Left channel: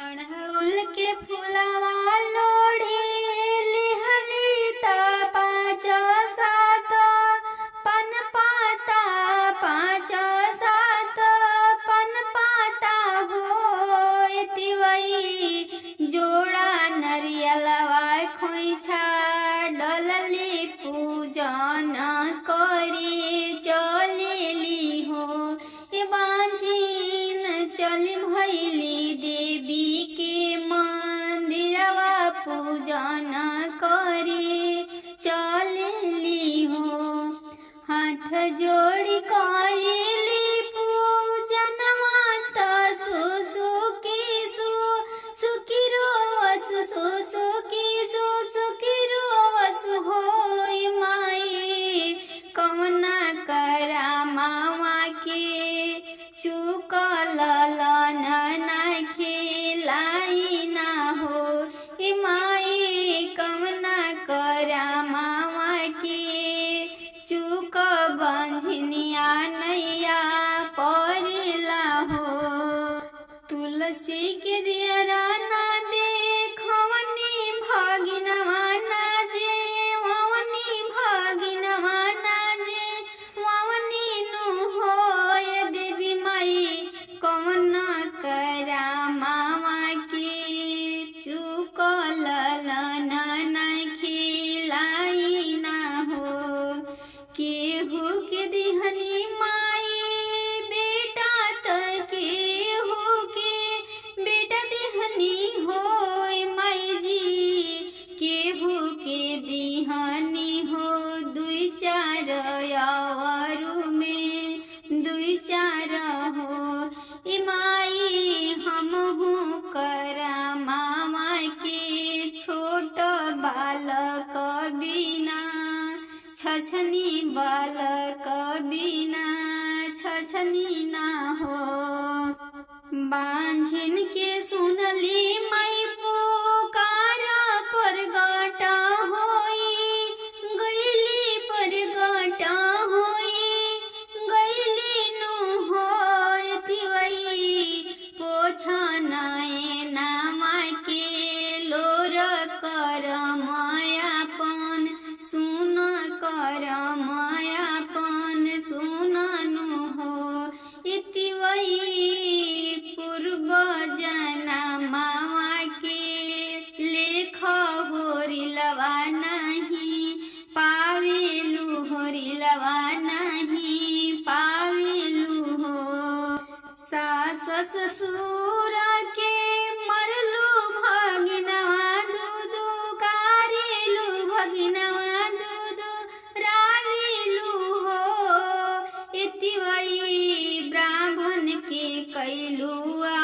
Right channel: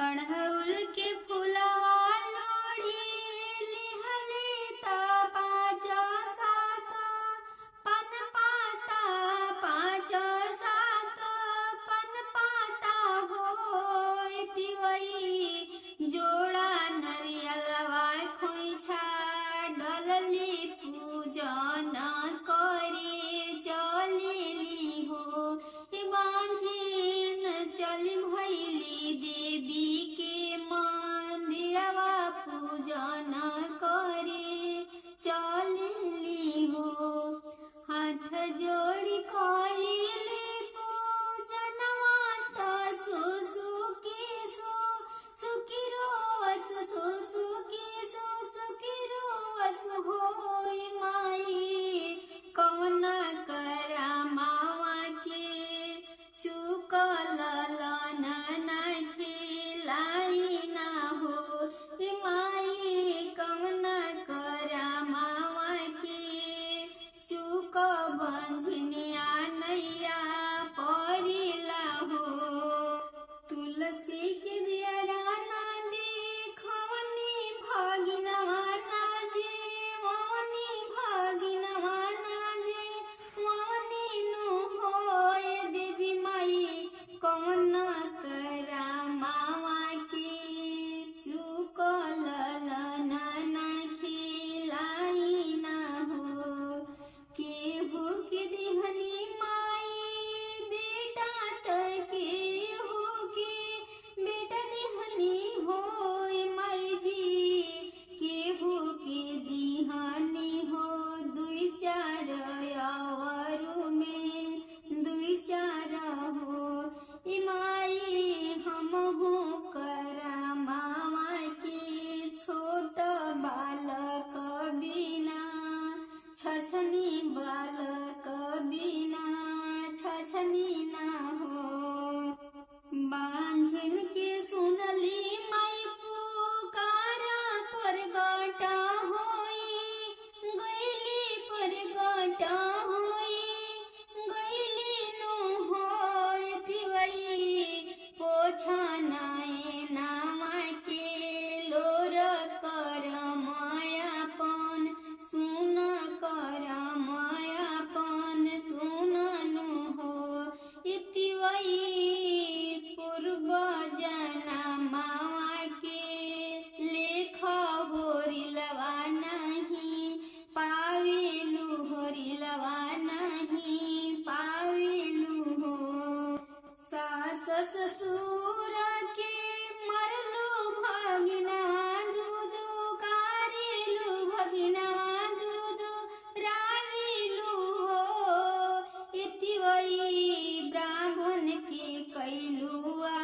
अड़हुल के फुलवा लोढ़ी लिहली ता पाँच सात पन पाता पाँच सात पन पाता हो तिवई जोड़ा नरियलवा खोइछा डलली पूजन करी चलेली हो ए बाँझिन चली भैली देवी के मंदिरवा पूजन करी चलेली हो हाथ जोड़ी करेली पूजनवा त सुसुकी सुखी रोवस सुसुकी सुखी रोवस होई माई कवना करा मावा के चुकल ना खिलाई ना हो ए माई कवना करा मावा के चुक बंझनिया नैया परिला हो तुलसी के दियरा ना देखवनी भगिनवा ना जे ववनी भगिनवा ना जे ववनी नु होय देवी माई कवन करा मावा के चुकल ना खिलाई ना हो केहू के दिहनी माई बेटा त केहू के बेटा दिहनी होय माई जी केहू के दिहनी हो दुई चार अवरु में दुई चार हो ए माई हमहू करा मामा के छोट बालक बिना छछनी बालक बिना छछनी ना हो बांझिन के सुनली माई पुकार परगट होई गईली परगट होई गईली नु होय तिवई पोछनाए नामा के लोर कर मायापन सुन कर मायापन सुननु हो इतिवई पूर्व जना मावा के लेख होरिलवा नहीं पावेलु होरिलवा नहीं पावेलु हो सास ससुर के मरलू भगिनवा दूधू कारेलू भगिनवा दूधू रावेलू हो इतिवई ब्राह्मण के कैलुआ